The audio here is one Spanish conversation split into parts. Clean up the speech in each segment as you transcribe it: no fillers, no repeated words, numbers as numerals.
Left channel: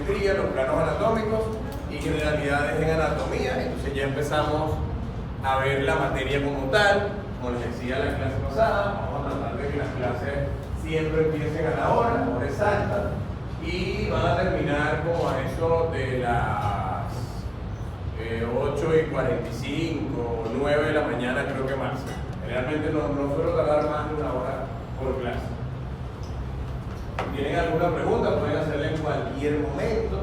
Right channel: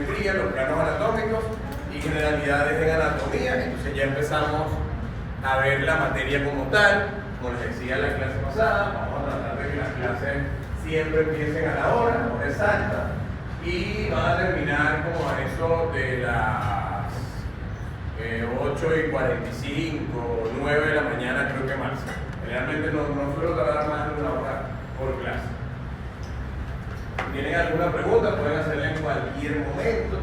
geometría, los planos anatómicos y generalidades en anatomía. Entonces ya empezamos a ver la materia como tal, como les decía en la clase pasada. Vamos a tratar de que las clases siempre empiecen a la hora exacta, y van a terminar como a eso de las 8:45 o 9 de la mañana, creo que más. Realmente no suelo tardar más de una hora por clase. Si tienen alguna pregunta, pueden hacerla en cualquier momento.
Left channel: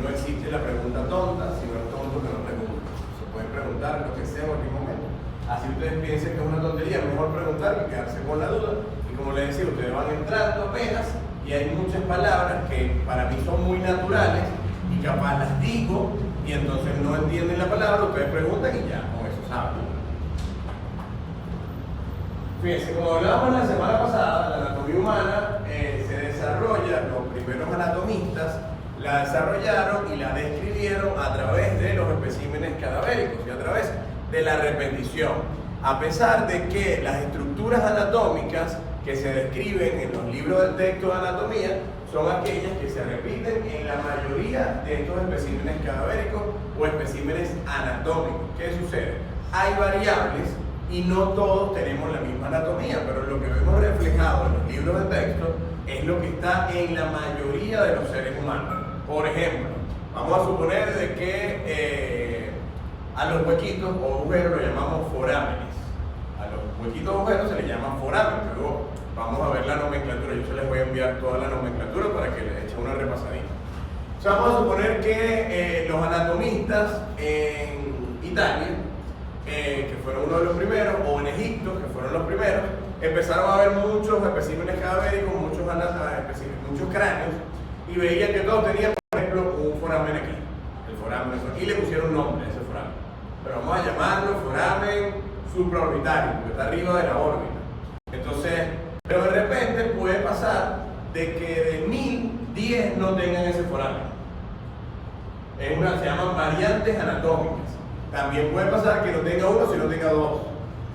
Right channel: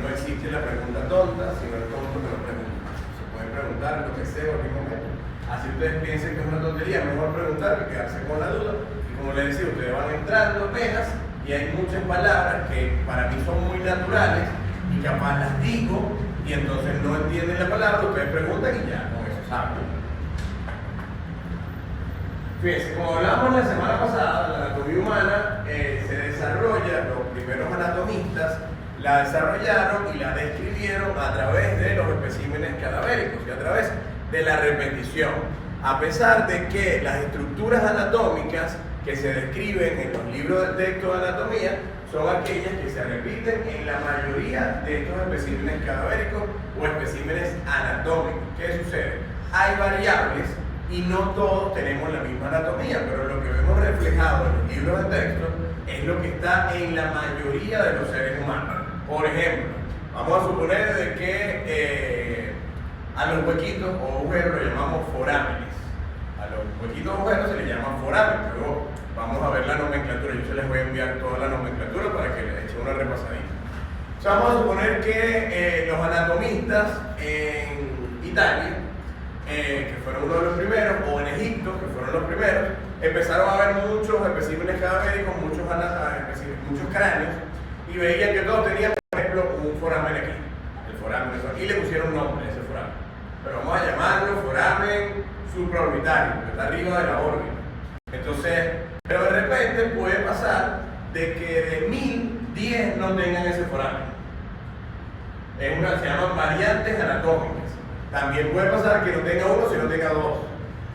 No existe la pregunta tonta. Si no es tonto, que no pregunten. Se pueden preguntar lo que sea en cualquier momento. Así ustedes piensen que es una tontería, es mejor preguntar que quedarse con la duda. Y como les decía, ustedes van entrando apenas y hay muchas palabras que para mí son muy naturales y capaz las digo y entonces no entienden la palabra, ustedes preguntan y ya, con eso saben. Fíjense, como hablábamos la semana pasada, la anatomía humana se desarrolla, los primeros anatomistas la desarrollaron y la describieron a través de los especímenes cadavéricos y a través de la repetición. A pesar de que las estructuras anatómicas que se describen en los libros de texto de anatomía son aquellas que se repiten en la mayoría de estos especímenes cadavéricos o especímenes anatómicos. ¿Qué sucede? Hay variables y no todos tenemos la misma anatomía, pero lo que vemos reflejado en los libros de texto es lo que está en la mayoría de los seres humanos. Por ejemplo, vamos a suponer de que a los huequitos o agujeros los llamamos forámenes. A los huequitos o agujeros se les llama forámenes. Luego vamos a ver la nomenclatura. Yo se les voy a enviar toda la nomenclatura para que les eche una repasadita. O sea, vamos a suponer que los anatomistas en Italia, que fueron uno de los primeros, o en Egipto, que fueron los primeros, empezaron a ver muchos especímenes cadavéricos, muchos cráneos, y veían que todos tenían, por ejemplo, un foramen aquí, el foramen, y le pusieron nombre a ese foramen. Pero vamos a llamarlo foramen supraorbitario, porque está arriba de la órbita. Entonces, pero de repente puede pasar de que de 1010 no tengan ese foramen. Se llaman variantes anatómicas. También puede pasar que no tenga uno, sino tenga dos.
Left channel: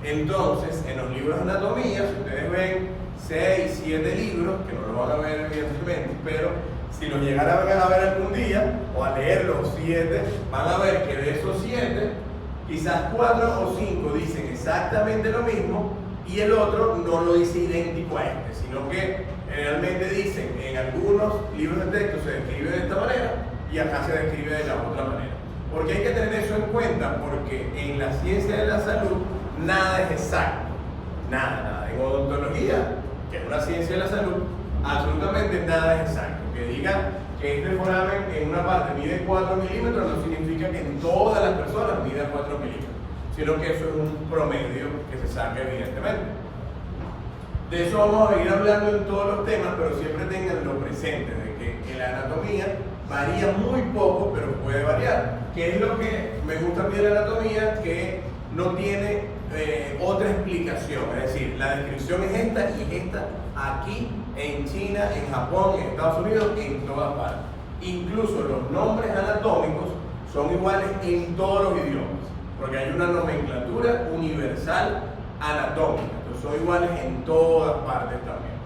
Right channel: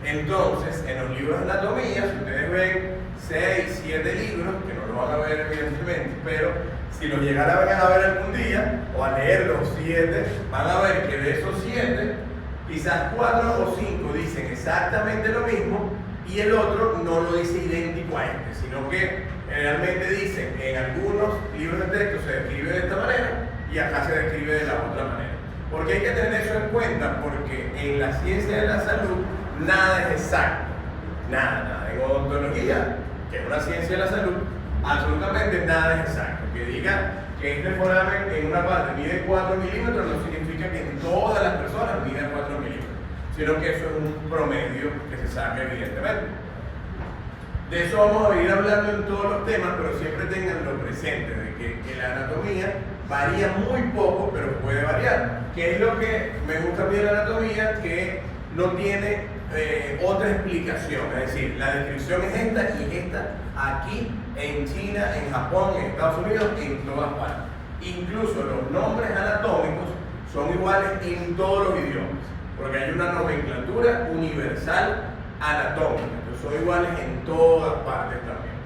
Entonces, en los libros de anatomía, si ustedes ven 6, 7 libros, que no los van a ver evidentemente, pero si los llegaran a ver algún día, o a leer los 7, van a ver que de esos 7, quizás 4 o 5 dicen exactamente lo mismo, y el otro no lo dice idéntico a este, sino que generalmente dicen, en algunos libros de texto se describe de esta manera, y acá se describe de la otra manera. ¿Por qué hay que tener eso en cuenta? Porque en la ciencia de la salud nada es exacto. Nada. En odontología, que es una ciencia de la salud, absolutamente nada es exacto. Que digan que este foramen en una parte mide 4 milímetros no significa que en todas las personas mide 4 milímetros, sino que eso es un promedio que se saca evidentemente. De eso vamos a ir hablando en todos los temas, pero siempre tenganlo presente, de que en la anatomía varía muy poco, pero puede variar. ¿Qué es lo que me gusta a mí de la anatomía? Que no tiene otra explicación, es decir, la descripción es esta y es esta aquí, en China, en Japón, en Estados Unidos, en todas partes. Incluso los nombres anatómicos son iguales en todos los idiomas, porque hay una nomenclatura universal anatómica, entonces son iguales en todas partes también.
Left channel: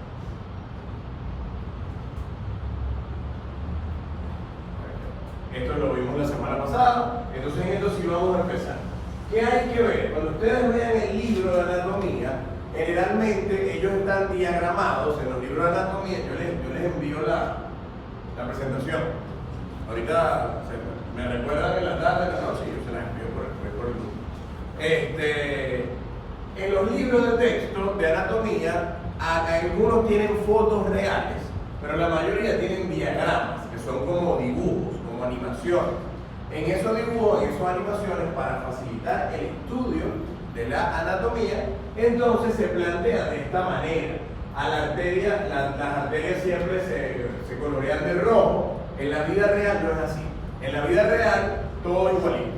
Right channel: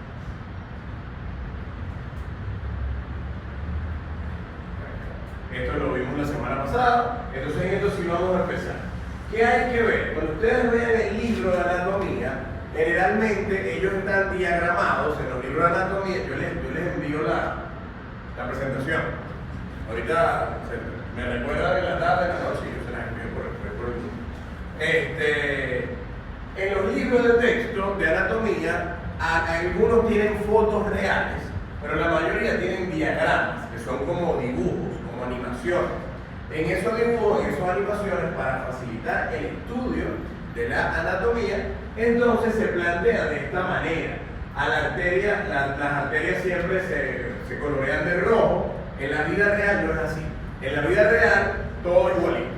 Esto lo vimos la semana pasada, entonces en esto sí vamos a empezar. ¿Qué hay que ver? Cuando ustedes vean el libro de anatomía, generalmente ellos están diagramados en los libros de anatomía. Yo les envío la presentación. Ahorita me recuerdan en la tarde, en la noche, y yo se las envío por el grupo. En los libros de texto de anatomía, algunos tienen fotos reales, pero la mayoría tienen diagramas, que son como dibujos, como animaciones. En esos dibujos, en esas animaciones, para facilitar el estudio de la anatomía, entonces se plantea de esta manera. A la arteria, las arterias siempre se colorean de rojo. En la vida real no es así. En la vida real todo es igualito.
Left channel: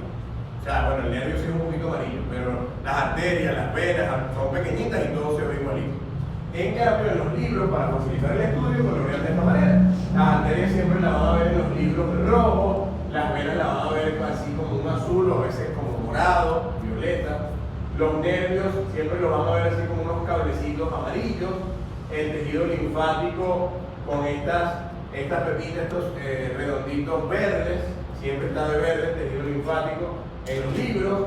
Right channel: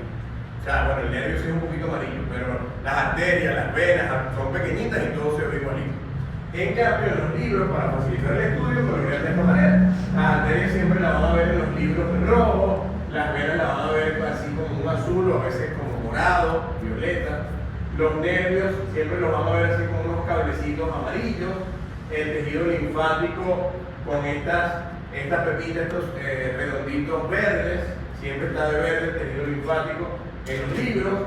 O sea, bueno, el nervio sí es un poquito amarillo, pero las arterias, las venas son pequeñitas y todo se ve igualito. En cambio, en los libros, para facilitar el estudio, colorean de esta manera. Las arterias siempre las van a ver en los libros de rojo, las venas las van a ver así como un azul o a veces como morado, violeta. Los nervios siempre los van a ver así como unos cablecitos amarillos. El tejido linfático con estas estas pepitas, estos redonditos verdes, siempre está de verde el tejido linfático en los libros,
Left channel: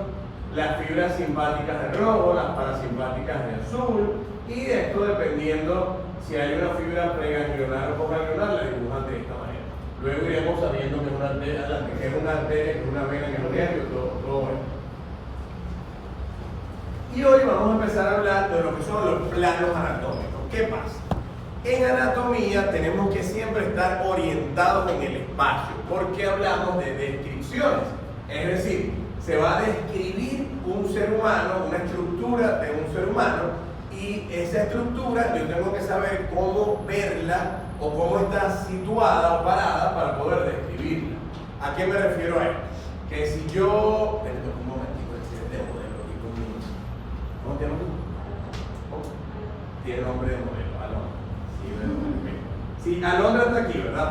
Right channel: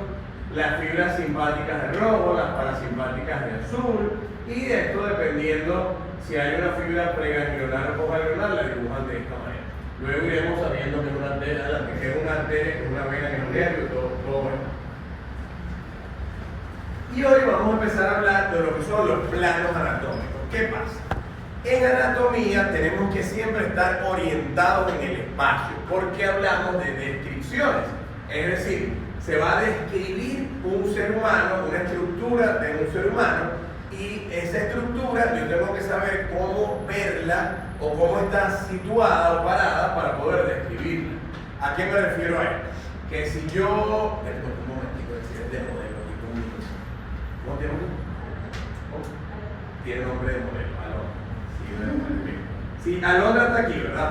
las fibras simpáticas de rojo, las parasimpáticas de azul, y esto dependiendo si hay una fibra preganglionar o postganglionar, la dibujan de esta manera. Luego iremos sabiendo que es una arteria, que es una vena, que es un nervio, todo esto. Y hoy vamos a empezar a hablar de lo que son los planos anatómicos. ¿Qué pasa? En anatomía tenemos que siempre estar orientados en el espacio, porque hablamos de descripciones. Es decir, se va a describir un ser humano, una estructura de un ser humano, y esa estructura yo tengo que saber cómo verla o cómo está situada o parada para poder describirla. ¿A qué me refiero a esto? Que si yo... Un momentito, de modelo, ¿cómo te llamas tú? Tiene nombre de modelo, Alondra. Sí, Alondra está aquí, ¿verdad?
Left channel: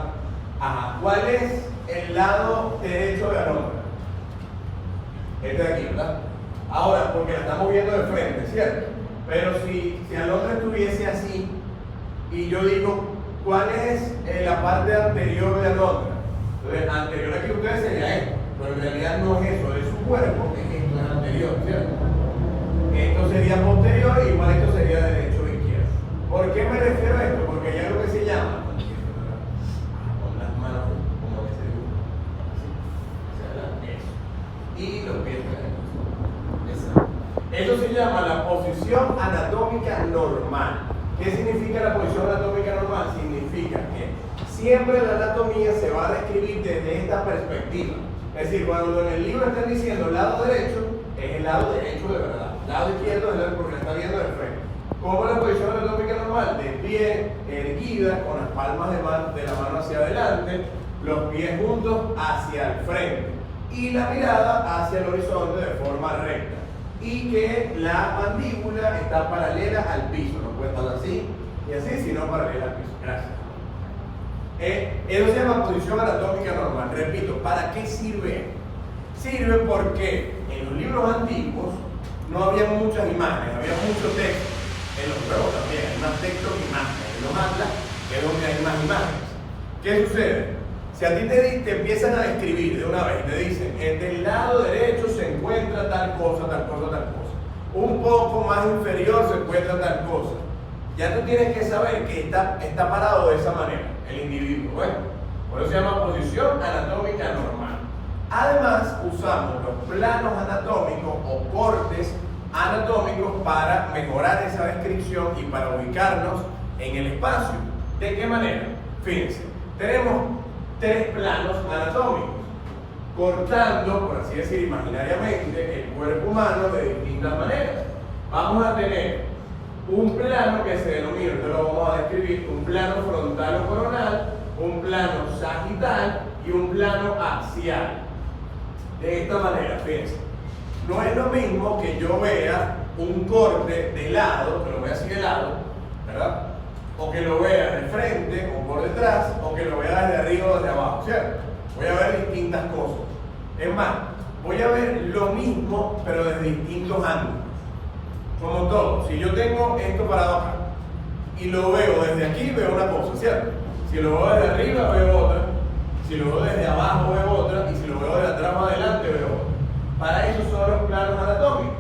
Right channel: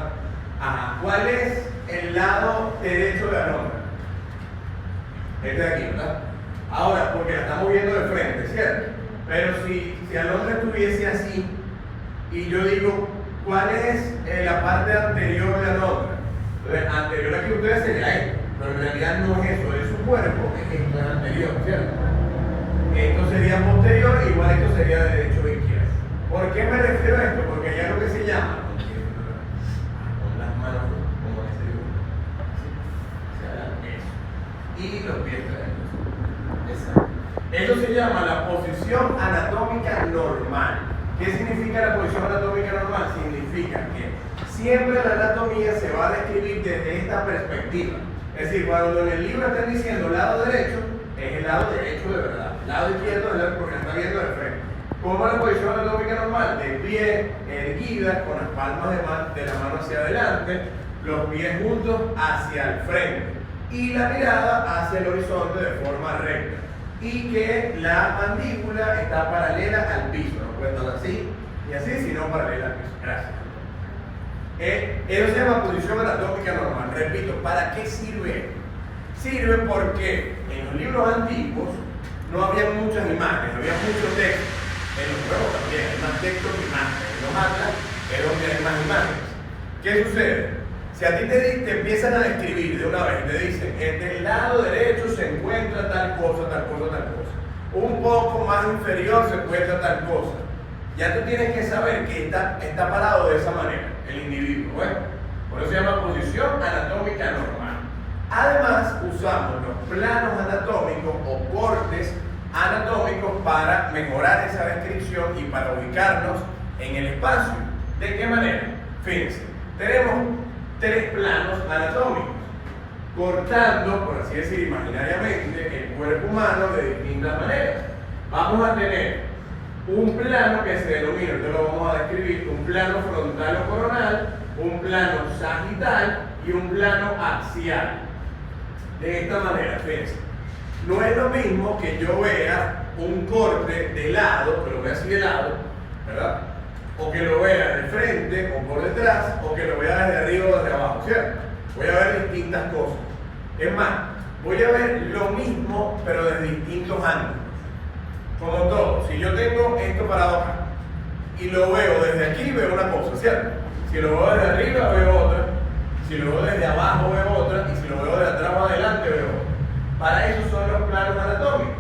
Ajá. ¿Cuál es el lado derecho de Alondra? Este de aquí, ¿verdad? Ahora, porque la estamos viendo de frente, ¿cierto? Pero si Alondra estuviese así, y yo digo, ¿cuál es la parte anterior de Alondra? Entonces, anterior aquí ustedes sería esto, pero en realidad no es eso, es su cuerpo, esto es anterior, ¿cierto? Esto sería posterior, igual esto sería de derecho o izquierdo. ¿Por qué me refiero a esto? Porque hay algo que se llama, con las manos, como ese dibujo, eso, y los pies eso. Eso se llama la posición anatómica normal. ¿Qué significa la posición anatómica normal? Significa que siempre la anatomía se va a describir desde esta perspectiva. Es decir, cuando en el libro están diciendo lado derecho, es el lado derecho de verdad. Lado izquierdo es porque está viendo de frente. ¿Cómo es la posición anatómica normal? De pie, erguida, con las palmas de la mano hacia adelante, los pies juntos hacia el frente y la mirada hacia el horizonte de forma recta. Y que la mandíbula está paralela al piso, no puede estar así y así, sino paralela al piso. Gracias. Eso se llama posición anatómica normal. Repito, ¿para qué sirve? Sirve porque en los libros antiguos no había muchas imágenes, había mucho texto. En los nuevos también hay más texto que imágenes. En los atlas es donde hay más imágenes. ¿Qué sucede? Si a ti te empiezan a describir de una vez, te dicen, del lado derecho se encuentra tal cosa, tal cosa, tal cosa. Un poco más inferior se encuentra tal cosa. Ya tú tienes que saber que está parado de esa manera, el individuo. Bueno, por eso se llama posición anatómica normal. Además, usamos los planos anatómicos o cortes anatómicos para mejorar esa descripción y para ubicarnos en el espacio. ¿De qué manera? Fíjense, tenemos 3 planos anatómicos, cortando, por así decir, imaginariamente, el cuerpo humano de distintas maneras. Vamos a tener un plano que se denomina, esto lo vamos a describir, un plano frontal o coronal, un plano sagital y un plano axial. De esta manera, fíjense, no es lo mismo que yo vea un corte de lado, que lo vea así de lado, ¿verdad? O que lo vea de frente o por detrás, o que lo vea desde arriba o desde abajo, ¿cierto? Voy a ver distintas cosas. Es más, voy a ver lo mismo, pero desde distintos ángulos. Como todo, si yo tengo esto parado acá, y lo veo desde aquí, veo una cosa, ¿cierto? Si lo veo desde arriba, veo otra. Si lo veo desde abajo, veo otra. Y si lo veo de atrás o adelante, veo otra. Para eso son los planos anatómicos.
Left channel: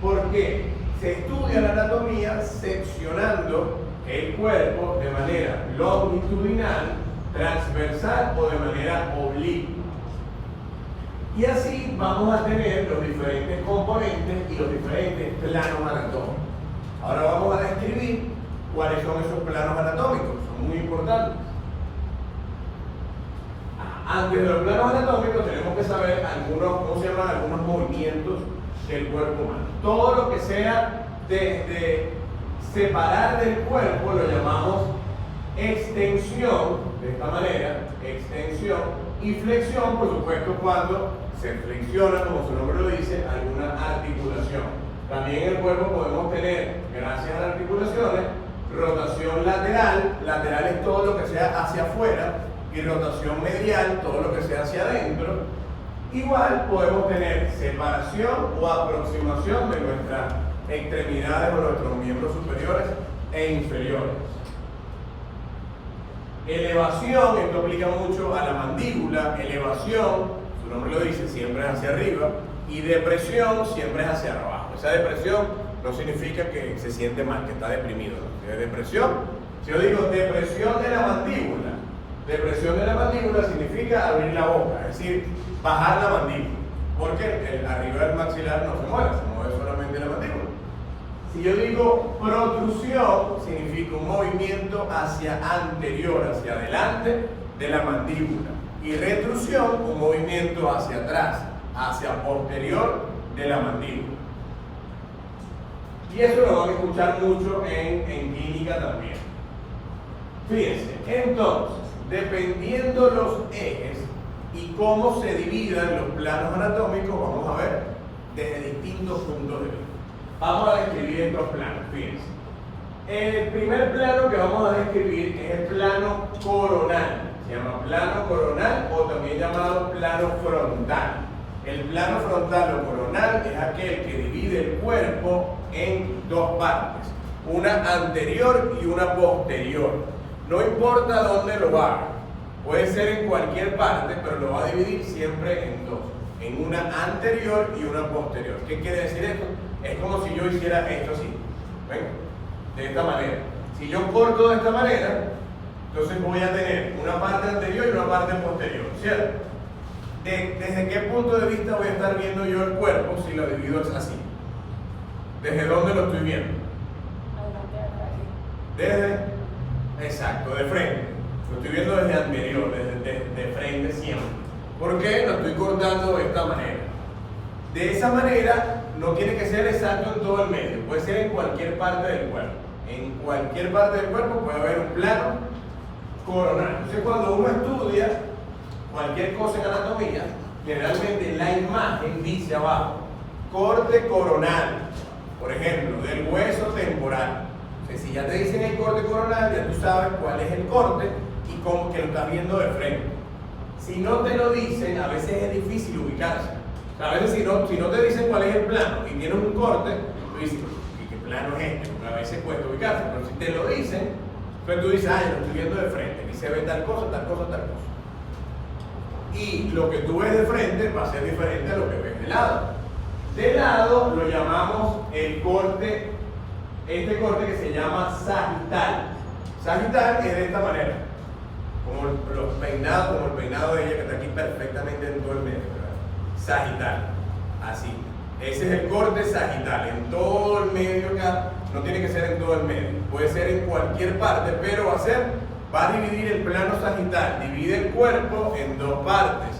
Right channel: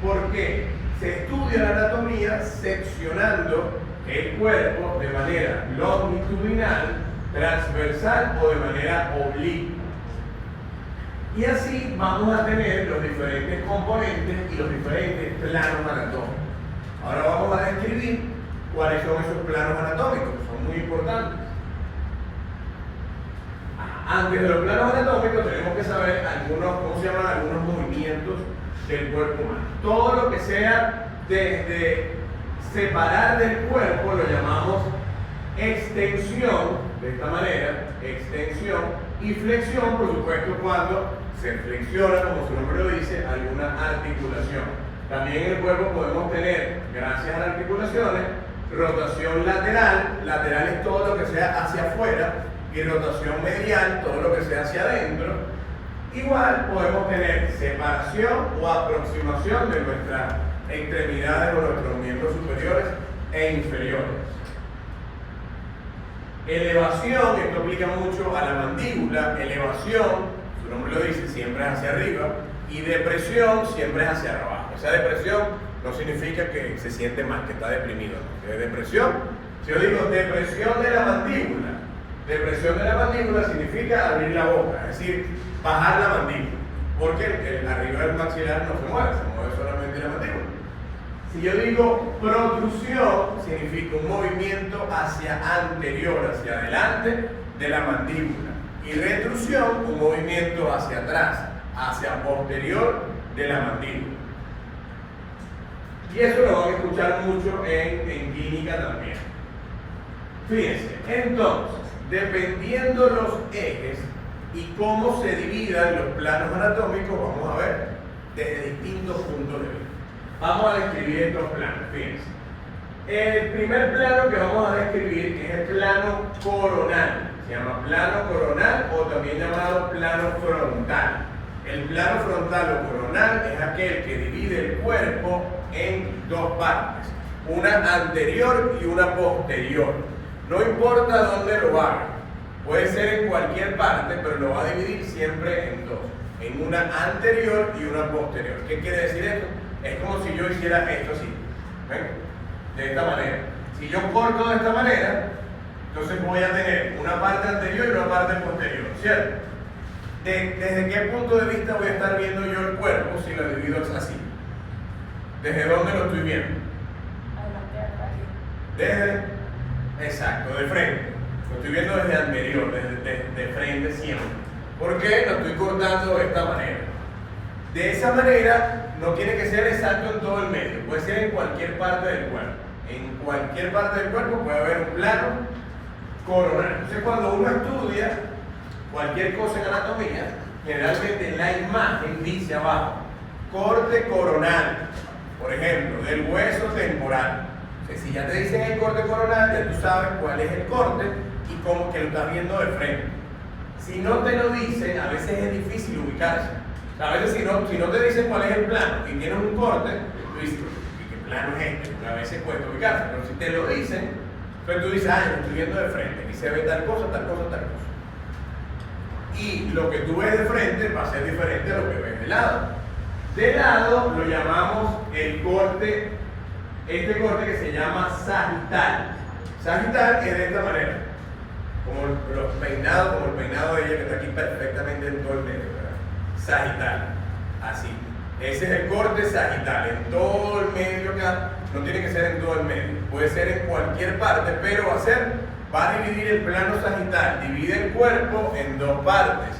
¿Por qué? Se estudia la anatomía seccionando el cuerpo de manera longitudinal, transversal o de manera oblicua. Y así vamos a tener los diferentes componentes y los diferentes planos anatómicos. Ahora vamos a describir cuáles son esos planos anatómicos, son muy importantes. Antes de los planos anatómicos tenemos que saber ¿cómo se llaman? Algunos movimientos del cuerpo humano. Todo lo que sea de separar del cuerpo lo llamamos extensión, de esta manera, extensión, y flexión, por supuesto, cuando se flexiona, como su nombre lo dice, alguna articulación. También en el cuerpo podemos tener, gracias a las articulaciones, rotación lateral. Lateral es todo lo que sea hacia afuera, y rotación medial, todo lo que sea hacia adentro. Igual podemos tener separación o aproximación de nuestras extremidades o nuestros miembros superiores e inferiores. Elevación, esto aplica mucho a la mandíbula. Elevación, su nombre lo dice, siempre es hacia arriba. Y depresión siempre es hacia abajo. Esa depresión no significa que se siente mal, que está deprimido. ¿No? Depresión, si yo digo depresión de la mandíbula significa abrir la boca, es decir, bajar la mandíbula. Porque arriba del maxilar no se mueve solamente la mandíbula. Si yo digo protrusión, significa un movimiento hacia anterior, hacia adelante de la mandíbula. Y retrusión, un movimiento hacia atrás, hacia posterior de la mandíbula. Y eso lo van a escuchar mucho en clínica también. Fíjense, entonces, dependiendo los ejes y cómo se dividan los planos anatómicos, vamos a ver desde distintos puntos de vista. Vamos a describir estos planos, fíjense. El primer plano que vamos a describir es el plano coronal. Se llama plano coronal o también llamado plano frontal. El plano frontal o coronal es aquel que divide el cuerpo en dos partes, una anterior y una posterior. No importa dónde lo haga, puede ser en cualquier parte, pero lo va a dividir siempre en dos, en una anterior y una posterior. ¿Qué quiere decir esto? Es como si yo hiciera esto así, ¿ven? De esta manera. Si yo corto de esta manera, entonces voy a tener una parte anterior y una parte posterior, ¿cierto? ¿Desde qué punto de vista voy a estar viendo yo el cuerpo si lo divido así? ¿Desde dónde lo estoy viendo? Exacto, de frente. Lo estoy viendo desde anterior, de frente siempre. ¿Por qué? Lo estoy cortando de esta manera. De esa manera no tiene que ser exacto en todo el medio, puede ser en cualquier parte del cuerpo. En cualquier parte del cuerpo puede haber un plano coronal. Entonces cuando uno estudia cualquier cosa en anatomía, generalmente la imagen dice abajo, corte coronal, por ejemplo, del hueso temporal. Entonces, si ya te dicen el corte coronal, ya tú sabes cuál es el corte y cómo que lo estás viendo de frente. Si no te lo dicen, a veces es difícil ubicarse. A veces si no te dicen cuál es el plano y tienes un corte, tú dices, ¿y qué plano es este? Porque a veces cuesta ubicarse, pero si te lo dicen, entonces tú dices, yo lo estoy viendo de frente, y se ve tal cosa, tal cosa, tal cosa. Y lo que tú ves de frente va a ser diferente a lo que ves de lado. De lado lo llamamos el corte, este corte que se llama sagital. Sagital es de esta manera, como el peinado de ella que está aquí perfectamente en todo el medio, ¿verdad? Sagital, así. Ese es el corte sagital, en todo el medio acá, no tiene que ser en todo el medio, puede ser en cualquier parte, pero va a dividir el plano sagital, divide el cuerpo en dos partes,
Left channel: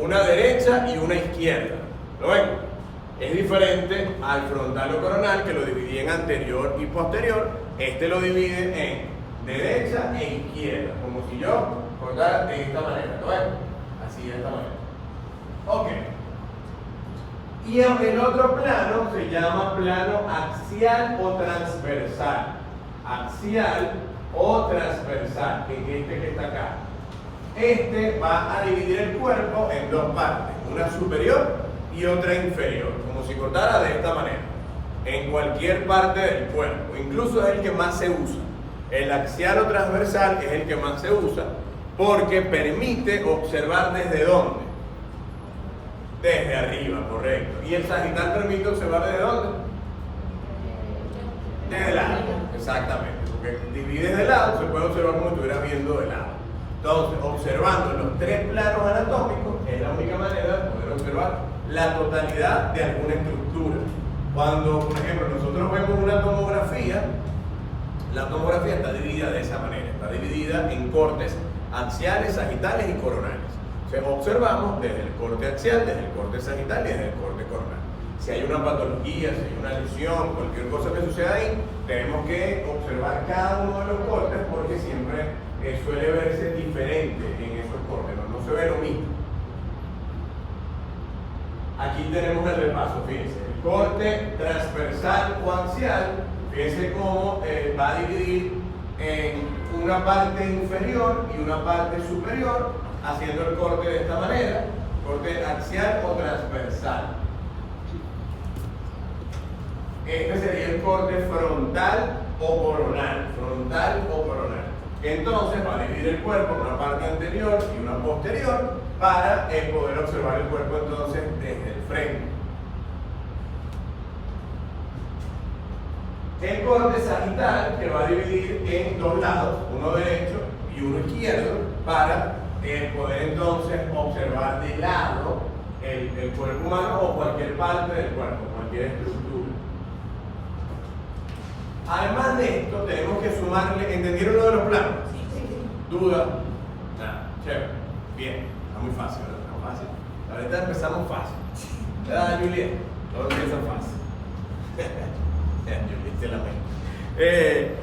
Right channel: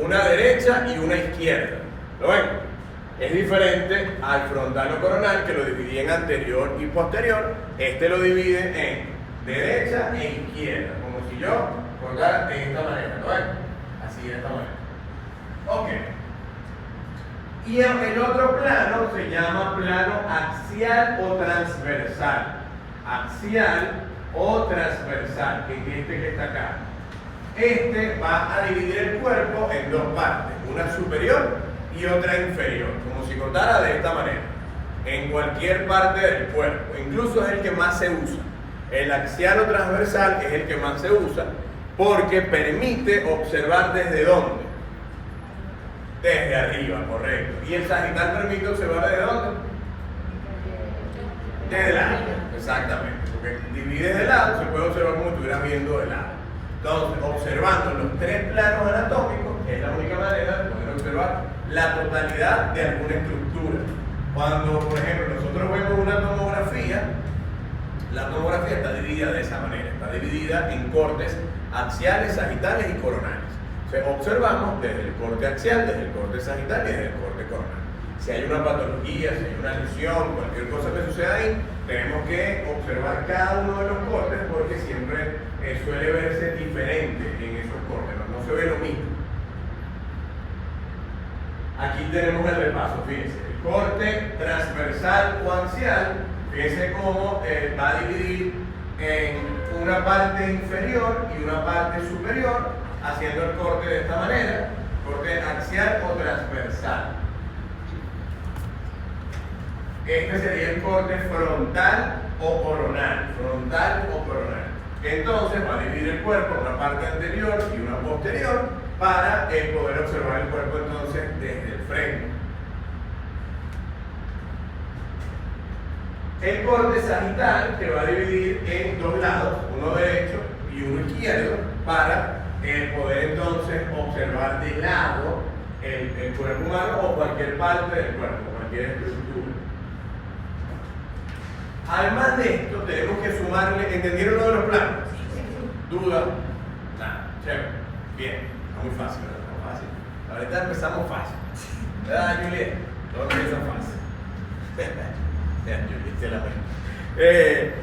una derecha y una izquierda. ¿Lo ven? Es diferente al frontal o coronal, que lo dividía en anterior y posterior. Este lo divide en derecha e izquierda, como si yo cortara de esta manera. ¿Lo ven? Así, de esta manera. Ok. Y el otro plano se llama plano axial o transversal. Axial o transversal, que es este que está acá. Este va a dividir el cuerpo en dos partes, una superior y otra inferior, como si cortara de esta manera, en cualquier parte del cuerpo. Incluso es el que más se usa. El axial o transversal es el que más se usa porque permite observar desde dónde. Desde arriba, correcto. ¿Y el sagital permite observar desde dónde? Desde lado, exactamente. Porque divide de lado, se puede observar como si estuvieras viendo de lado. Entonces, observando los tres planos anatómicos es la única manera de poder observar la totalidad de alguna estructura. Cuando, por ejemplo, nosotros vemos una tomografía, la tomografía está dividida de esa manera, está dividida en cortes axiales, sagitales y coronales. Entonces, observamos desde el corte axial, desde el corte sagital y desde el corte coronal. Si hay una patología, si hay una lesión, cualquier cosa que suceda ahí, tenemos que observar cada uno de los cortes porque siempre suele verse diferente en esos cortes, no se ve lo mismo. Aquí tenemos el repaso, fíjense, el corte transversal o axial, fíjense cómo va a dividir en una parte inferior y una parte superior, haciendo el corte de esta manera, corte axial o transversal. Este sería el corte frontal o coronal, Entonces va a dividir el cuerpo en una parte anterior y una posterior para poder observar el cuerpo entonces desde el frente. El corte sagital que va a dividir en dos lados, uno derecho y uno izquierdo, para poder entonces observar de lado el cuerpo humano o cualquier parte del cuerpo, cualquier estructura. Además de esto, tenemos que sumarle, ¿entendieron lo de los planos? ¿Duda? Nada, chévere. Bien, está muy fácil, ¿verdad? Está muy fácil. Ahorita empezamos fácil. ¿Verdad, Juliet? Todo empieza fácil. Juliet se la mente.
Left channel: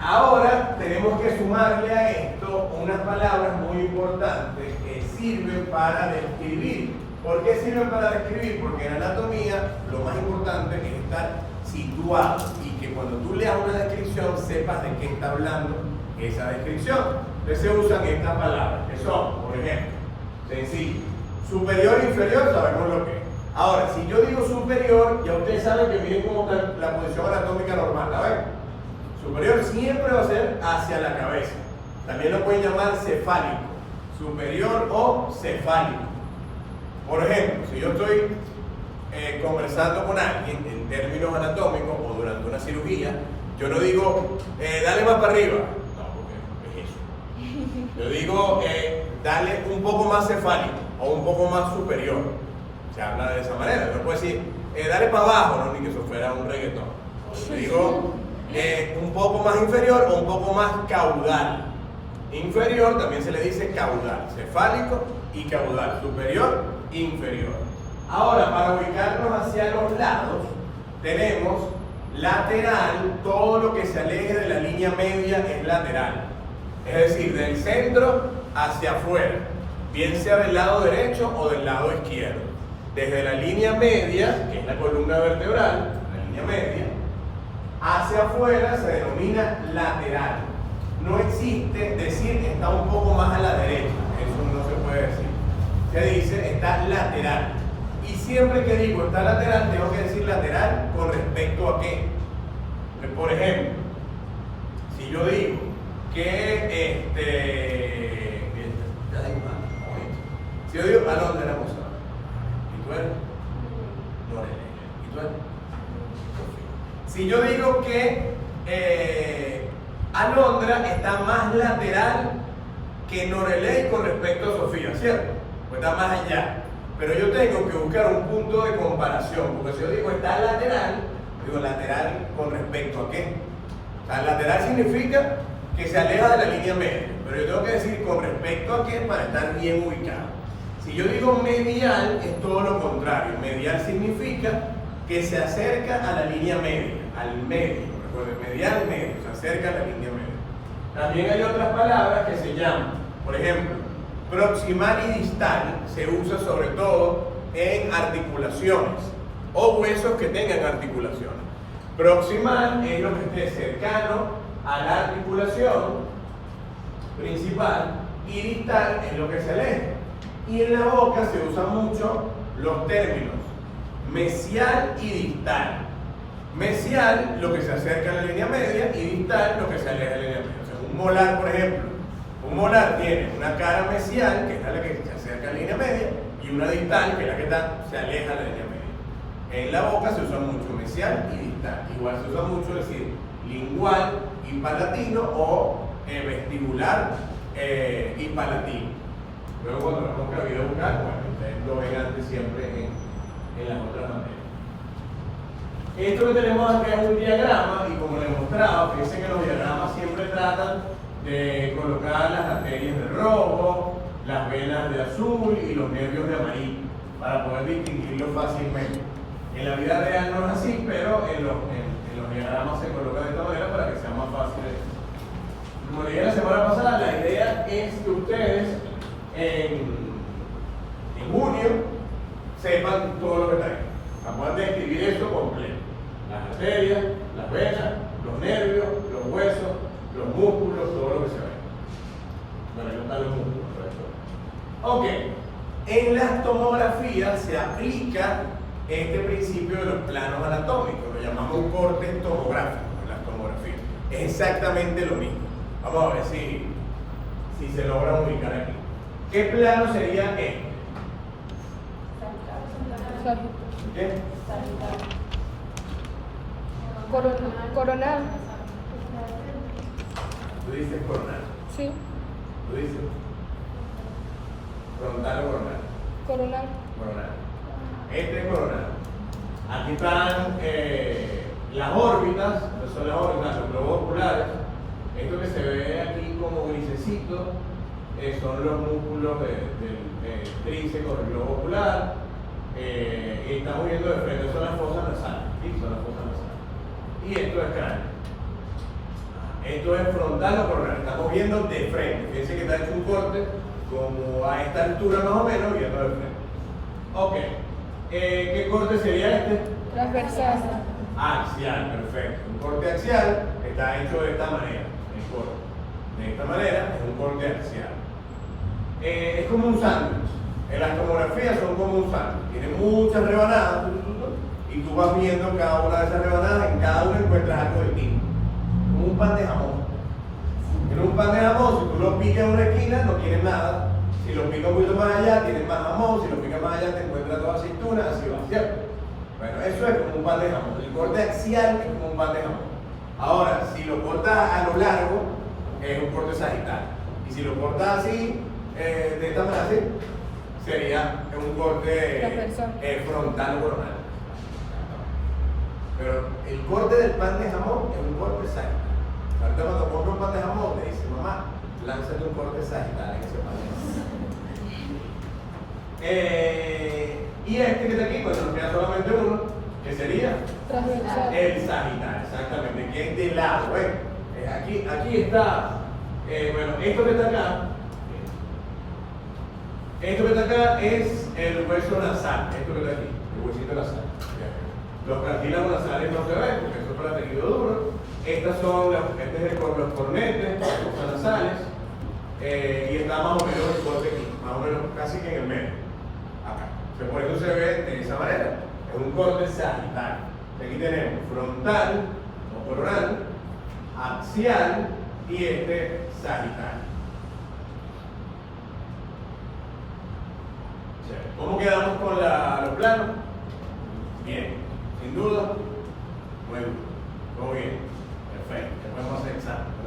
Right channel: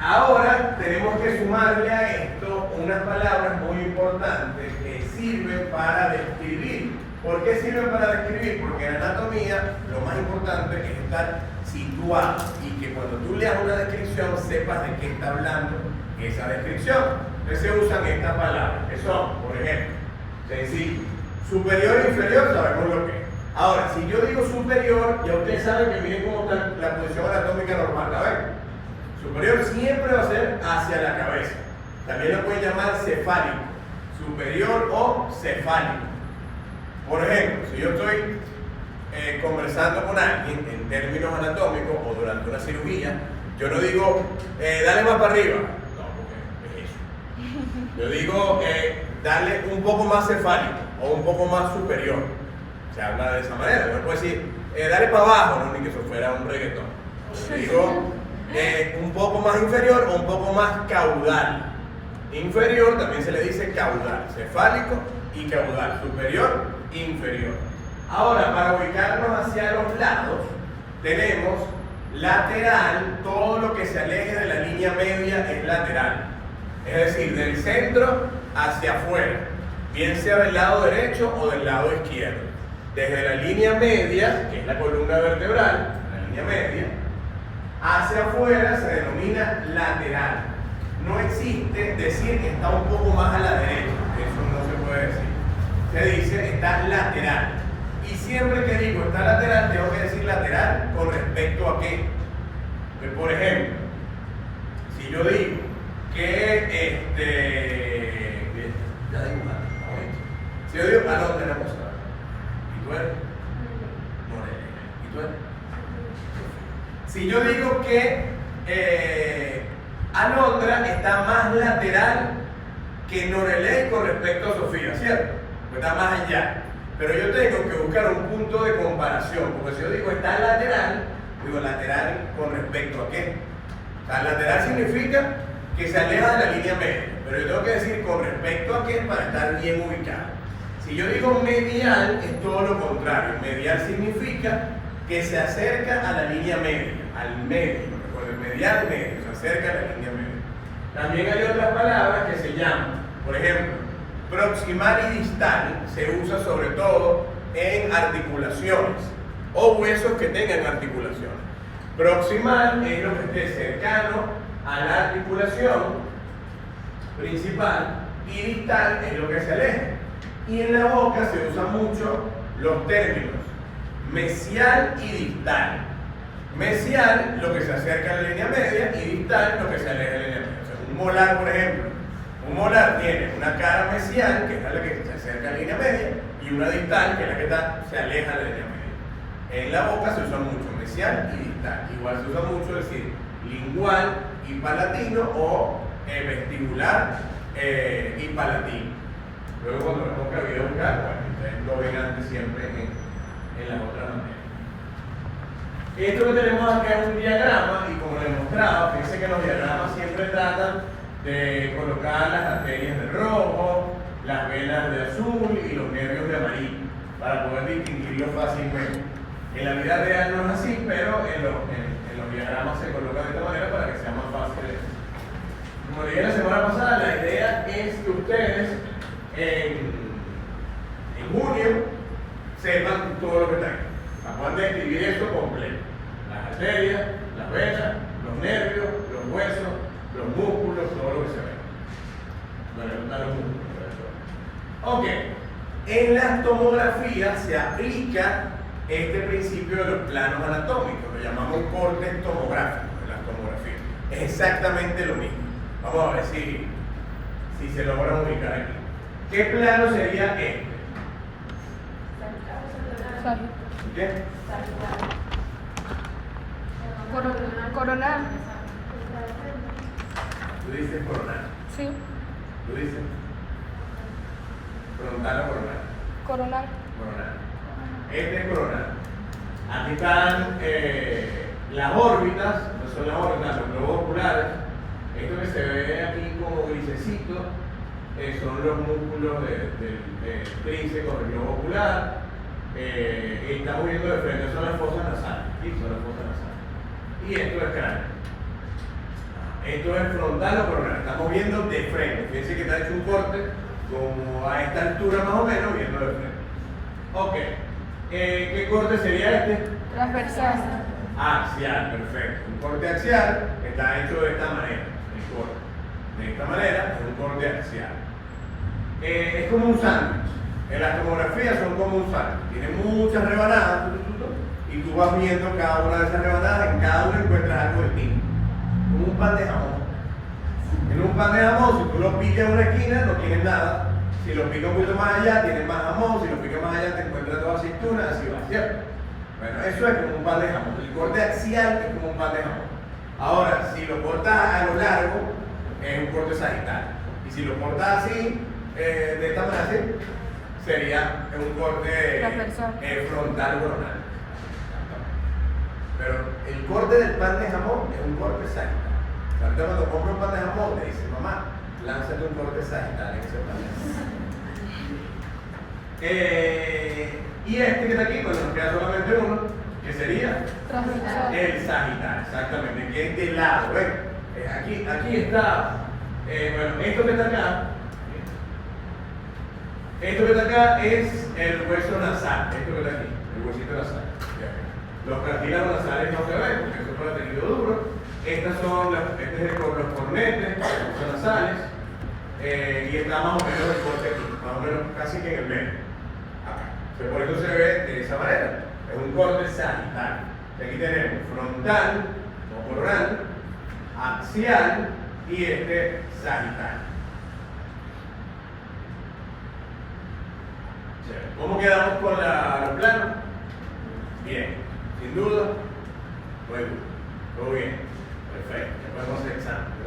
Ahora tenemos que sumarle a esto unas palabras muy importantes que sirven para describir. ¿Por qué sirven para describir? Porque en anatomía lo más importante es estar situado y que cuando tú leas una descripción sepas de qué está hablando esa descripción. Entonces se usan estas palabras que son, por ejemplo, sencillo, superior e inferior, sabemos lo que es. Ahora, si yo digo superior, ya ustedes saben que miren cómo está la posición anatómica normal, ¿la ven? Superior siempre va a ser hacia la cabeza. También lo pueden llamar cefálico, superior o cefálico. Por ejemplo, si yo estoy conversando con alguien en términos anatómicos o durante una cirugía, yo no digo, dale más para arriba. No, porque es eso. Yo digo, dale un poco más cefálico o un poco más superior. Se habla de esa manera. No puedo decir, dale para abajo, no, ni que eso fuera un reggaetón. Yo digo, un poco más inferior o un poco más caudal. Inferior también se le dice caudal, cefálico y caudal, superior, inferior. Ahora, para ubicarnos hacia los lados, tenemos lateral, todo lo que se aleje de la línea media es lateral. Es decir, del centro hacia afuera, bien sea del lado derecho o del lado izquierdo. Desde la línea media, que es la columna vertebral, la línea media, hacia afuera se denomina lateral. No existe decir que está un poco más a la derecha, eso no se puede decir. Se dice está lateral. Y siempre que digo está lateral, tengo que decir lateral con respecto a qué. Por ejemplo, si yo digo que ya digo mal, si yo digo, no, tenemos ¿y tú eres? No, ¿y tú eres? Si yo digo que Alondra está más lateral que Noreley con respecto a Sofía, ¿cierto? Pues está más allá. Pero yo tengo que buscar un punto de comparación, porque si yo digo está lateral, digo lateral con respecto a qué. O sea, lateral significa que se aleja de la línea media, pero yo tengo que decir con respecto a qué para estar bien ubicado. Si yo digo medial, es todo lo contrario. Medial significa que se acerca a la línea media, al medio. Recuerden, medial, medio, se acerca a la línea media. También hay otras palabras que se llaman, por ejemplo, proximal y distal se usa sobre todo en articulaciones o huesos que tengan articulaciones. Proximal es lo que esté cercano a la articulación principal y distal es lo que se aleja. Y en la boca se usan mucho los términos mesial y distal. Mesial, lo que se acerca a la línea media, y distal, lo que se aleja de la línea media. O sea, un molar, por ejemplo. Un molar tiene una cara mesial, que es la que se acerca a la línea media, y una distal, que es la que se aleja de la línea media. En la boca se usa mucho mesial y distal. Igual se usa mucho decir lingual y palatino o vestibular y palatino. Luego cuando nos toca video buscar, bueno, ustedes lo ven antes siempre en las otras materias. Esto que tenemos acá es un diagrama y como les mostraba, fíjense que los diagramas siempre tratan de colocar las arterias de rojo, las venas de azul y los nervios de amarillo para poder distinguirlo fácilmente. En la vida real no es así, pero en los diagramas se colocan de esta manera para que sea más fácil. Como le dije la semana pasada, la idea es que ustedes en junio sepan todo lo que traen. Puedan describir esto completo. Las arterias, las venas, los nervios, los huesos, los músculos, todo lo que se ve. Bueno, no están los músculos, pero ok. En las tomografías se aplica este principio de los planos anatómicos, lo llamamos cortes tomográficos en las tomografías. Es exactamente lo mismo. Vamos a ver si se logra ubicar aquí. ¿Qué plano sería este? ¿Qué? Coronal. Tú dices coronal. Sí. Tú dices frontal o coronal. Coronal. Coronal. Este es coronal. Aquí están las órbitas, no son las órbitas, los globos oculares. Esto que se ve aquí como grisecito son los músculos del intrínseco del globo ocular. Estamos viendo de frente, son las fosas nasales. ¿Sí? Son las fosas nasales. Y esto es cráneo. Esto es frontal o coronal. Estamos viendo de frente. Fíjense que está hecho un corte como a esta altura más o menos, viendo de frente. Ok. ¿Qué corte sería este? Transversal. Axial, perfecto. Un corte axial está hecho de esta manera. El corte. De esta manera es un corte axial. Es como un sándwich. En las tomografías son como un sándwich. Tiene muchas rebanadas y tú vas viendo cada una de esas rebanadas. En cada una encuentras algo distinto. Como un pan de jamón. En un pan de jamón, si tú lo picas en una esquina, no tienes nada. Si lo picas un poquito más allá, tienes más jamón. Si lo picas más allá, te encuentras toda aceituna, así va, ¿cierto? Bueno, eso es como un pan de jamón. El corte axial es como un pan de jamón. Ahora, si lo cortas a lo largo, es un corte sagital. Y si lo cortas así, de esta manera, así, sería un corte frontal o coronal. Pero el corte del pan de jamón es un corte sagital. Ahorita cuando compra un pan de jamón, le dice, mamá, lánzate un corte sagital en ese pan de jamón. Y este que está aquí, pues nos queda solamente uno, que sería el sagital, exactamente, que es de lado, aquí está, bueno, esto que está acá es el hueso nasal, esto que está aquí, el huesito nasal. Los cartílagos nasales no se ven, porque eso es para tejido duro. Este es los cornetes, los huesos nasales, y está más o menos el corte aquí, más o menos casi que en el medio. Acá. Por eso se ve de esa manera. Es un corte sagital. Aquí tenemos frontal o coronal, axial y este sagital. ¿Cómo quedamos con los planos? Bien, sin duda. Muy bien. Todo bien. Perfecto. Ya podemos hacer examen.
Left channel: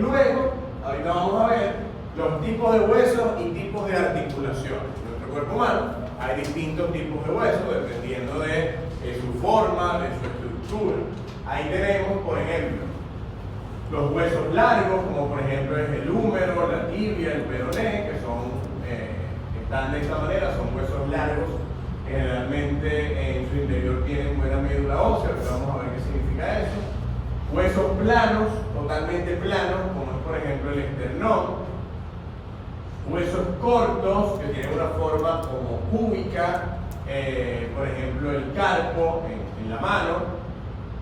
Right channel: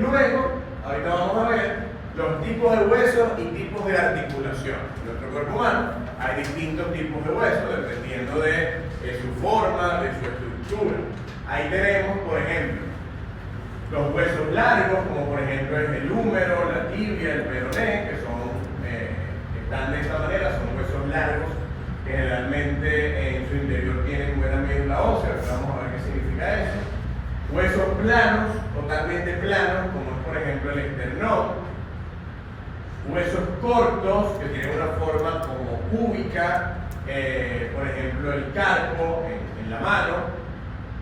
Luego, ahorita vamos a ver los tipos de huesos y tipos de articulación. En nuestro cuerpo humano hay distintos tipos de huesos dependiendo de su forma, de su estructura. Ahí tenemos, por ejemplo, los huesos largos, como por ejemplo es el húmero, la tibia, el peroné, que están de esta manera, son huesos largos. Generalmente en su interior tienen buena médula ósea, pero vamos a ver qué significa eso. Huesos planos, totalmente planos, como es por ejemplo el esternón. Huesos cortos, que tienen una forma como cúbica, por ejemplo el carpo en la mano.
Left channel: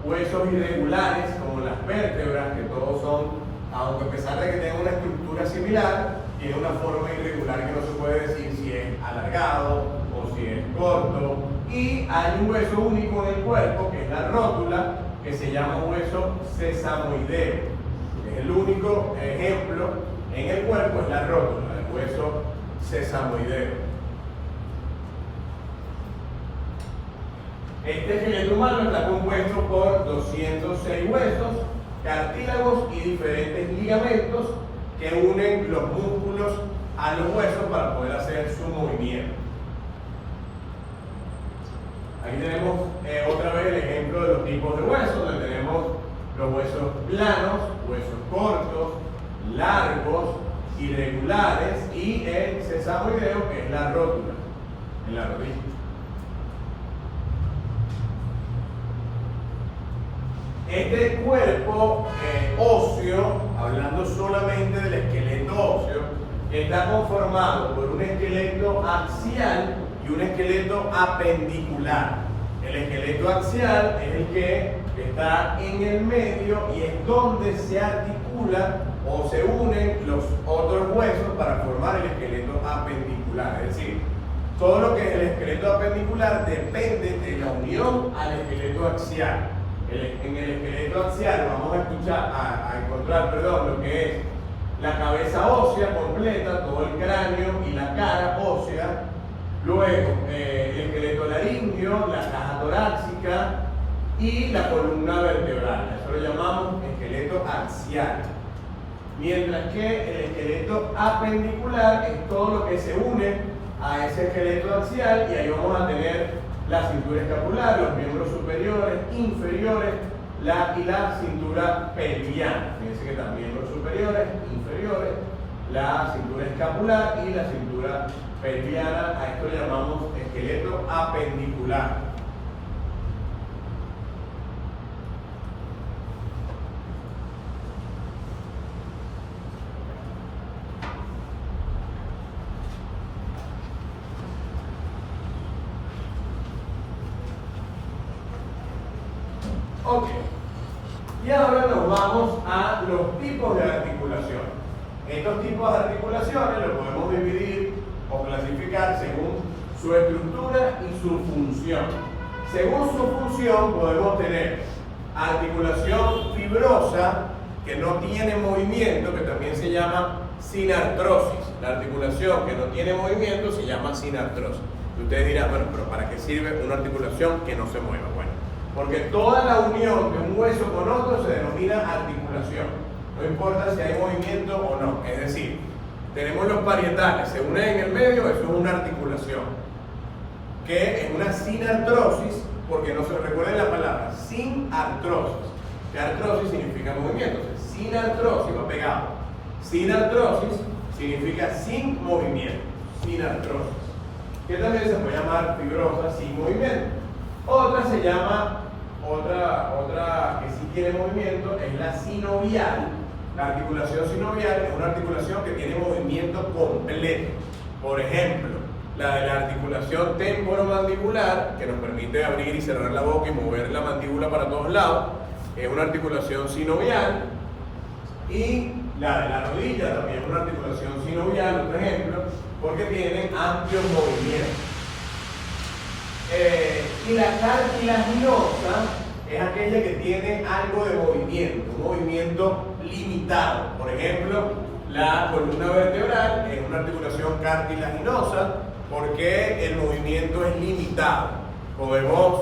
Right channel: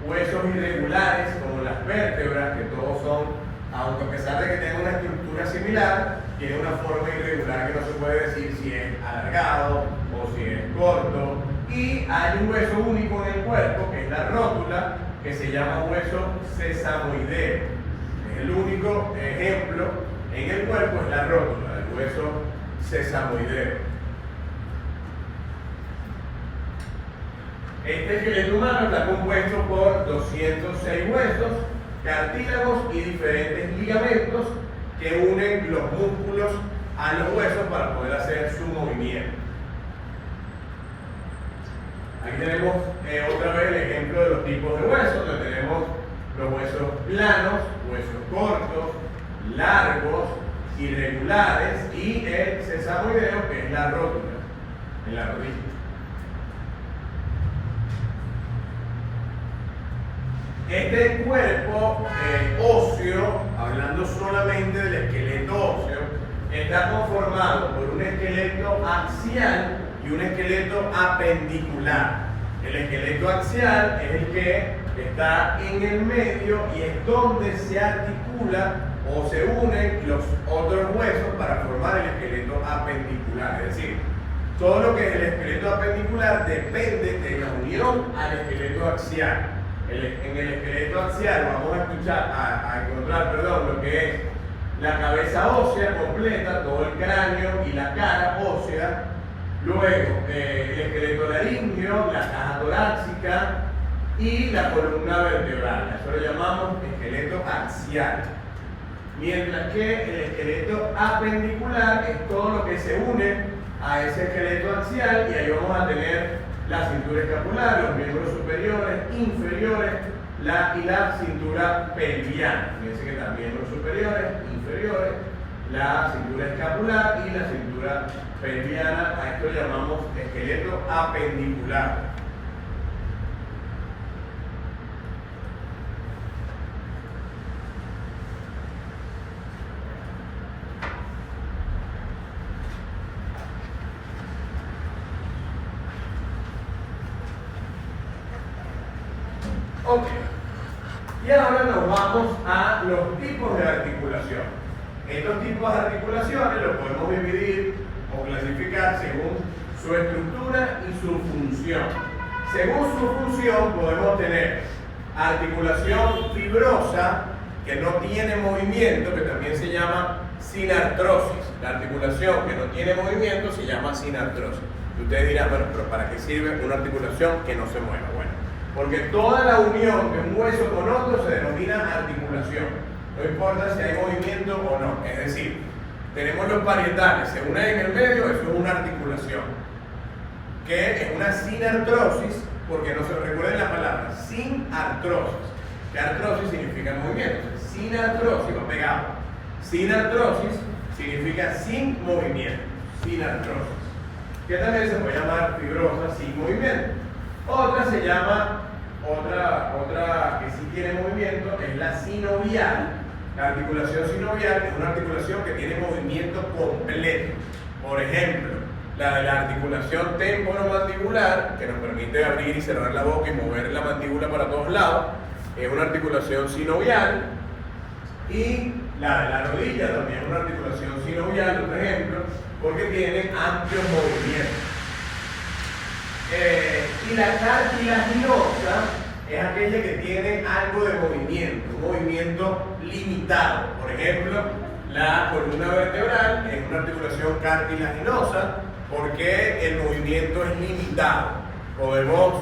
Huesos irregulares, como las vértebras, que todos son, aunque a pesar de que tengan una estructura similar, tienen una forma irregular que no se puede decir si es alargado o si es corto. Y hay un hueso único en el cuerpo, que es la rótula, que se llama hueso sesamoideo. Es el único ejemplo en el cuerpo, es la rótula, el hueso sesamoideo. Este esqueleto humano está compuesto por 206 huesos, cartílagos y diferentes ligamentos que unen los músculos a los huesos para poder hacer su movimiento. Aquí tenemos otra vez el ejemplo de los tipos de huesos, donde tenemos los huesos planos, huesos cortos, largos, irregulares y el sesamoideo, que es la rótula en la rodilla. Este cuerpo óseo, hablando solamente del esqueleto óseo, está conformado por un esqueleto axial y un esqueleto apendicular. El esqueleto axial es el que está en el medio y es donde se articula o se unen los otros huesos para formar el esqueleto apendicular. Es decir, todo lo que es el esqueleto apendicular depende de la unión al esqueleto axial. En el esqueleto axial vamos a encontrar lo que es la cabeza ósea completa, todo el cráneo y la cara ósea. Luego el esqueleto laríngeo, la caja torácica y la columna vertebral. Eso lo llamamos esqueleto axial. Mientras que el esqueleto apendicular es todo lo que se une a ese esqueleto axial, y ahí vamos a tener la cintura escapular, los miembros superiores, inferiores, y la cintura pelviana. Fíjense que están miembros superiores, inferiores, la cintura escapular y la cintura pelviana. A esto le llamamos esqueleto apendicular. Ok, y ahora nos vamos a los tipos de articulación. Estos tipos de articulaciones los podemos dividir o clasificar según su estructura y su función. Según su función podemos tener articulación fibrosa que no tiene movimiento, que también se llama sinartrosis. La articulación que no tiene movimiento se llama sinartrosis. Y ustedes dirán, bueno, pero ¿para qué sirve una articulación que no se mueva? Bueno, porque toda la unión de un hueso con otro se denomina articulación. No importa si hay movimiento o no. Es decir, tenemos los parietales, se unen en el medio, eso es una articulación. Que es una sinartrosis, porque no se recuerden la palabra, sinartrosis. Que artrosis significa movimiento. Sinartrosis va pegado. Sinartrosis significa sin movimiento. Sinartrosis. Que también se puede llamar fibrosa sin movimiento. Otra se llama, otra que sí tiene movimiento, es la sinovial. La articulación sinovial es una articulación que tiene movimiento completo. Por ejemplo, la de la articulación temporomandibular, que nos permite abrir y cerrar la boca y mover la mandíbula para todos lados, es una articulación sinovial. Y la de la rodilla también es una articulación sinovial, otro ejemplo, porque tiene amplios movimientos. Y la cartilaginosa es aquella que tiene algo de movimiento, un movimiento limitado. Por ejemplo, la columna vertebral es una articulación cartilaginosa porque el movimiento es limitado. Podemos,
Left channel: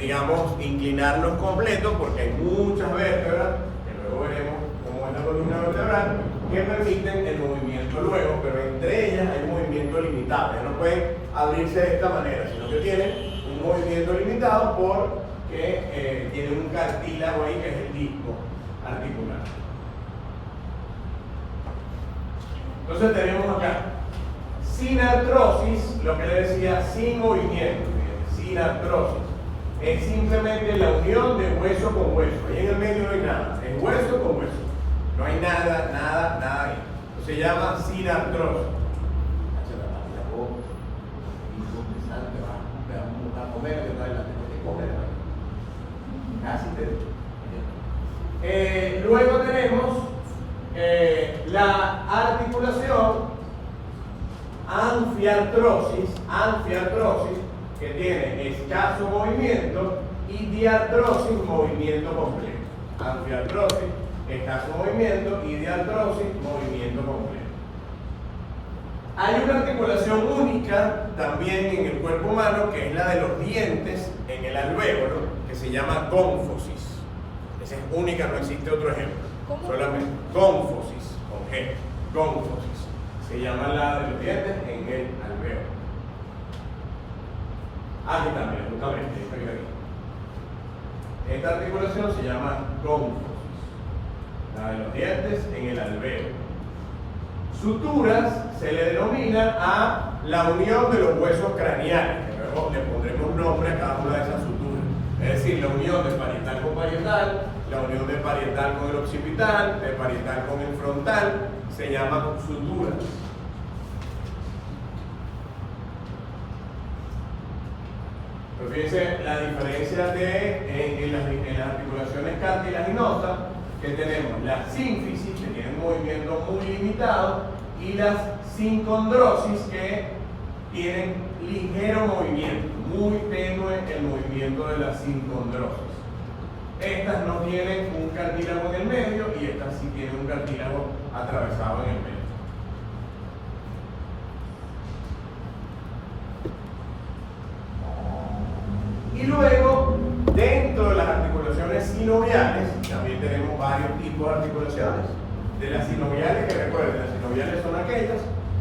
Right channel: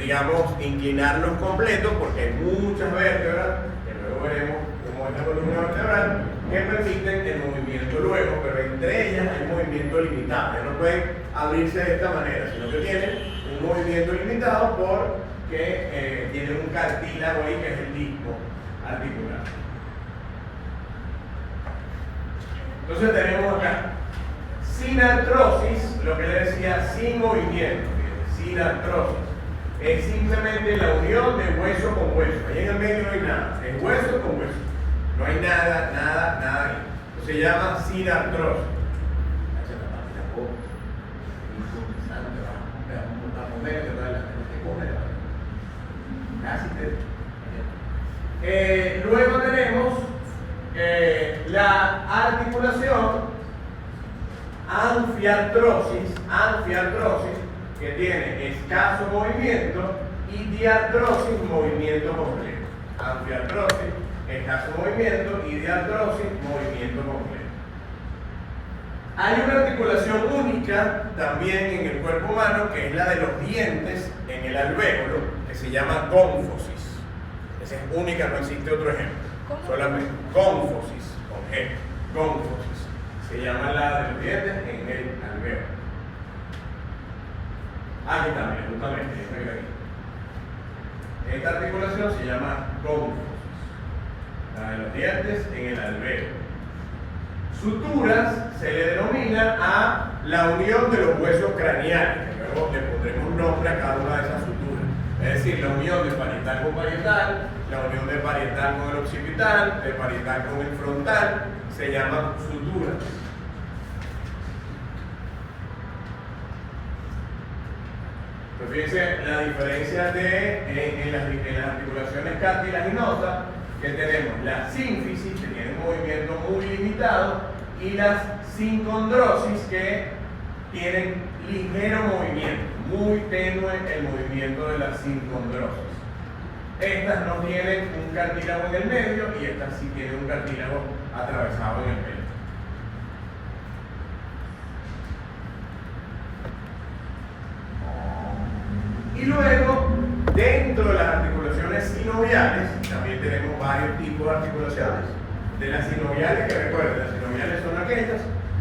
digamos, inclinarnos completos porque hay muchas vértebras, que luego veremos cómo es la columna vertebral, que permiten el movimiento luego, pero entre ellas hay un movimiento limitado. Ya no pueden abrirse de esta manera, sino que tienen un movimiento limitado porque tienen un cartílago ahí que es el disco articular. Entonces tenemos acá sinartrosis, lo que le decía, sin movimiento. Sinartrosis es simplemente la unión de hueso con hueso. Ahí en el medio no hay nada, es hueso con hueso. No hay nada ahí. Se llama sinartrosis. Luego tenemos la articulación anfiartrosis, que tiene escaso movimiento, y diartrosis, movimiento completo. Anfiartrosis, escaso movimiento, y diartrosis, movimiento completo. Hay una articulación única también en el cuerpo humano, que es la de los dientes en el alvéolo, que se llama cónfosis. Esa es única, no existe otro ejemplo. ¿Cómo? Solamente cónfosis, con G, cónfosis. Se llama la de los dientes en el alvéolo. Aquí también, justamente, aquí. Esta articulación se llama cónfosis, la de los dientes en el alvéolo. Suturas se le denomina a la unión de los huesos craneales, que luego le pondremos nombre a cada una de esas suturas. Es decir, la unión de parietal con parietal, la unión de parietal con el occipital, de parietal con el frontal, se llama sutura. Pues fíjense la diferencia en las articulaciones cartilaginosas, que tenemos la sínfisis, que tiene un movimiento muy limitado, y las sincondrosis, que tienen ligero movimiento, muy tenue el movimiento de la sincondrosis. Estas no tienen un cartílago en el medio y estas sí tienen un cartílago atravesado en el medio. Y luego, dentro de las articulaciones sinoviales, también tenemos varios tipos de articulaciones. De las sinoviales, que recuerden, las sinoviales son aquellas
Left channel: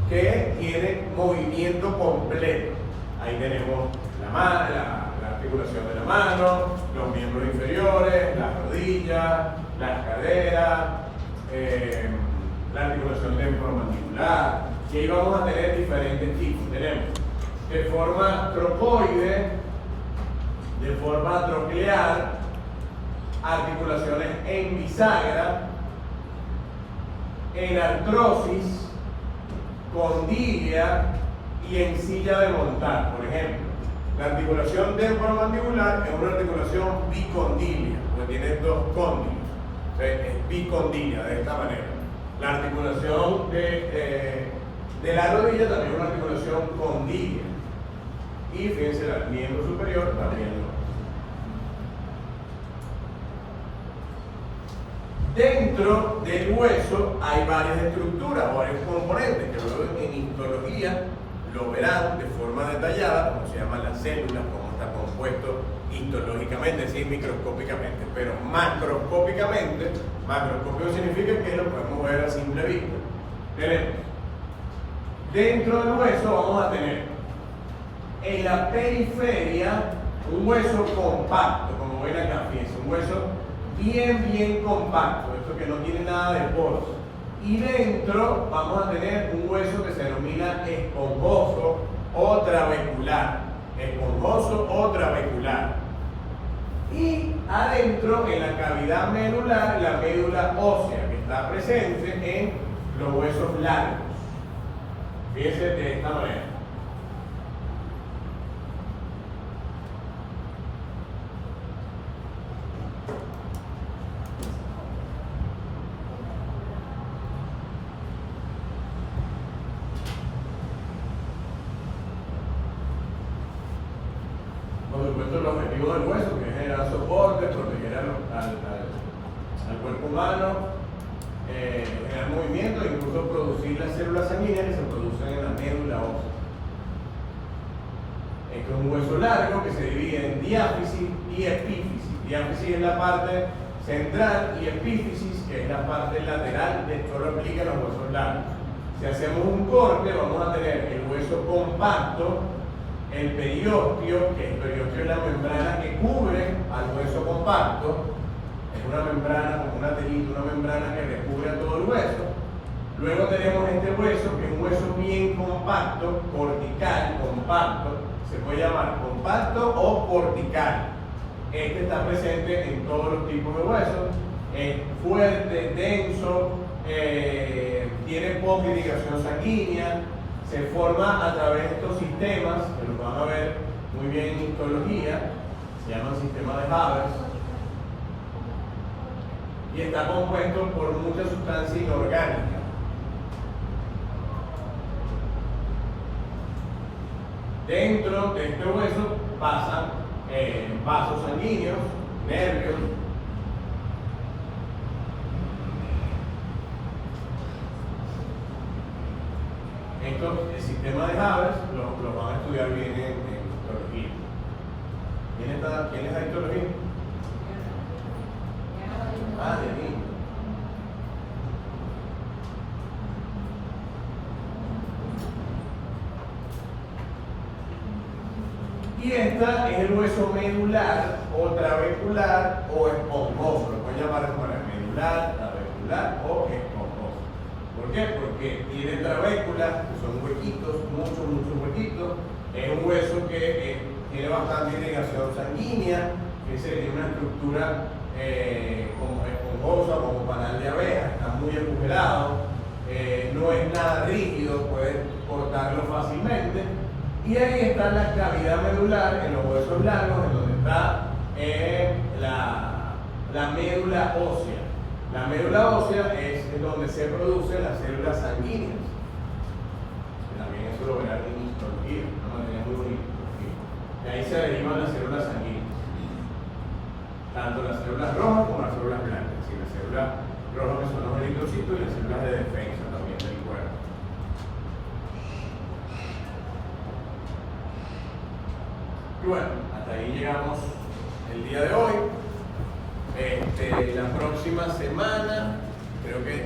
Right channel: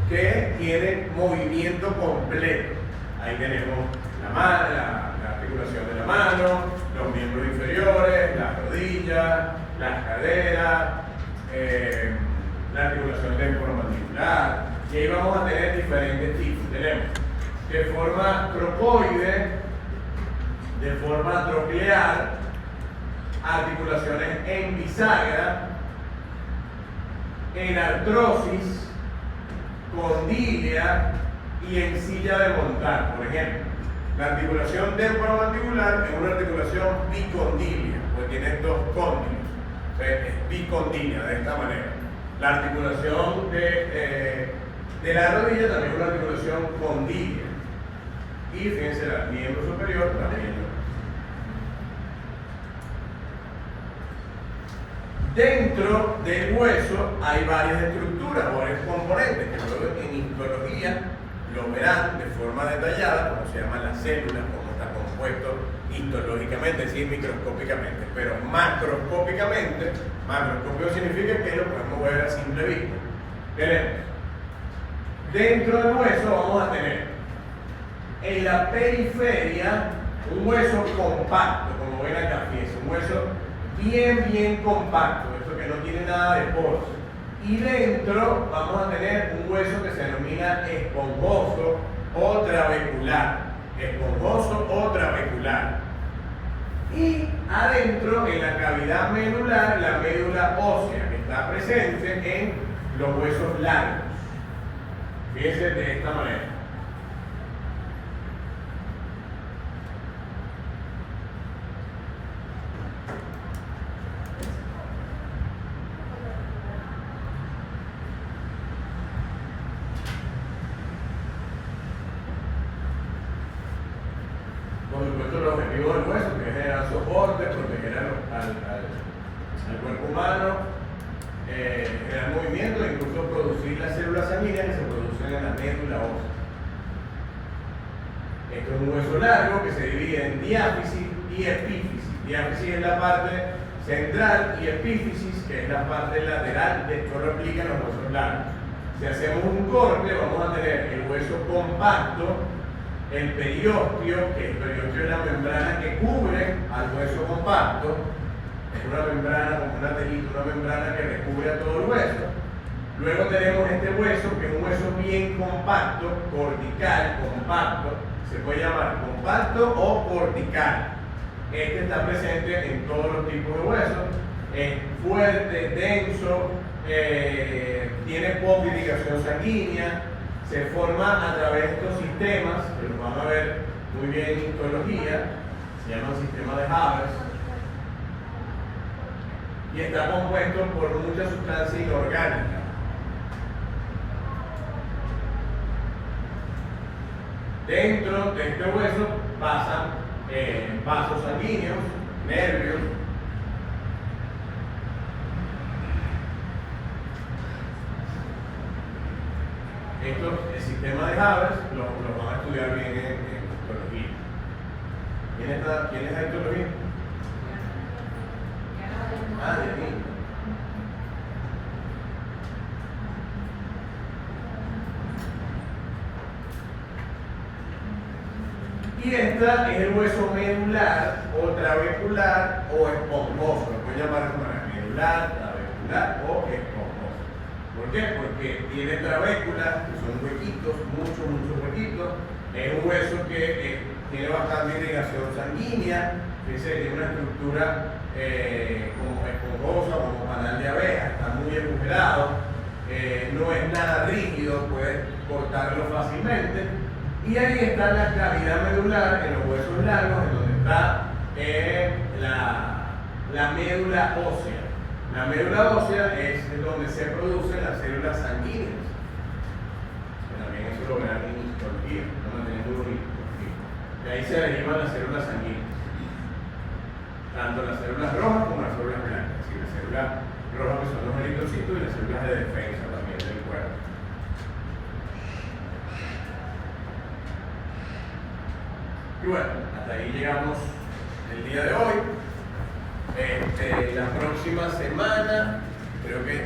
que tienen movimiento completo. Ahí tenemos la articulación de la mano, los miembros inferiores, las rodillas, las caderas, la articulación temporomandibular. Y ahí vamos a tener diferentes tipos. Tenemos de forma trocoide, de forma troclear, articulaciones en bisagra, en artrosis, condilia y en silla de montar. Por ejemplo, la articulación temporomandibular es una articulación bicondilia, porque tiene dos cóndilos. Es bicondilia, de esta manera. La articulación de la rodilla también es una articulación condilia. Y fíjense, el miembro superior también lo es. Dentro del hueso hay varias estructuras, varios componentes, que luego en histología lo verán de forma detallada, como se llaman las células, cómo está compuesto histológicamente, es decir, microscópicamente, pero macroscópicamente, macroscópico significa que lo podemos ver a simple vista. Tenemos, dentro del hueso vamos a tener en la periferia un hueso compacto, como ven acá, fíjense, un hueso bien compacto, esto que no tiene nada de poros. Y dentro vamos a tener un hueso que se denomina esponjoso o trabecular. Esponjoso o trabecular. Y adentro, en la cavidad medular, la médula ósea, que está presente en los huesos largos. Fíjense de esta manera. El objetivo del hueso, que es generar soporte, proteger al cuerpo humano, generar movimiento e incluso producir las células sanguíneas que se producen en la médula ósea. Esto es un hueso largo que se divide en diáfisis y epífisis. Diáfisis es la parte central y epífisis, que es la parte lateral. Esto replica en los huesos largos. Si hacemos un corte, vamos a tener el hueso compacto, el periósteo, que el periósteo es la membrana que cubre al hueso compacto, es una membrana como una telita, una membrana que recubre a todo el hueso. Luego tenemos este hueso, que es un hueso bien compacto, cortical, compacto, se puede llamar compacto o cortical. Este está presente en todos los tipos de huesos, es fuerte, denso, tiene poca irrigación sanguínea, se forma a través de estos sistemas, que los van a ver muy bien en histología, se llama el sistema de Havers, y está compuesto por mucha sustancia inorgánica. Dentro de este hueso pasan vasos sanguíneos, nervios, esto, el sistema de Havers, lo van a estudiar bien en histología. ¿Quién es la histología? Ah, de mí. Y esta es el hueso medular o trabecular o esponjoso, lo pueden llamar de esta manera, medular, trabecular o esponjoso. ¿Por qué? Porque tiene trabéculas, que son huequitos, muchos huequitos. Es un hueso que tiene bastante irrigación sanguínea, tiene una estructura como esponjosa, como panal de abeja, está muy agujerado, no es nada rígido, puedes cortarlo fácilmente. Y ahí está la cavidad medular, en los huesos largos, en donde está la médula ósea. La médula ósea es donde se producen las células sanguíneas. También eso lo verán en histología, lo mantienen muy bonito. De ahí se derivan las células sanguíneas. tanto las células rojas como las células blancas. Sí, las células rojas que son los eritrocitos y las células de defensa también del cuerpo. Y bueno, hasta ahí llegamos el día de hoy. La próxima semana creo que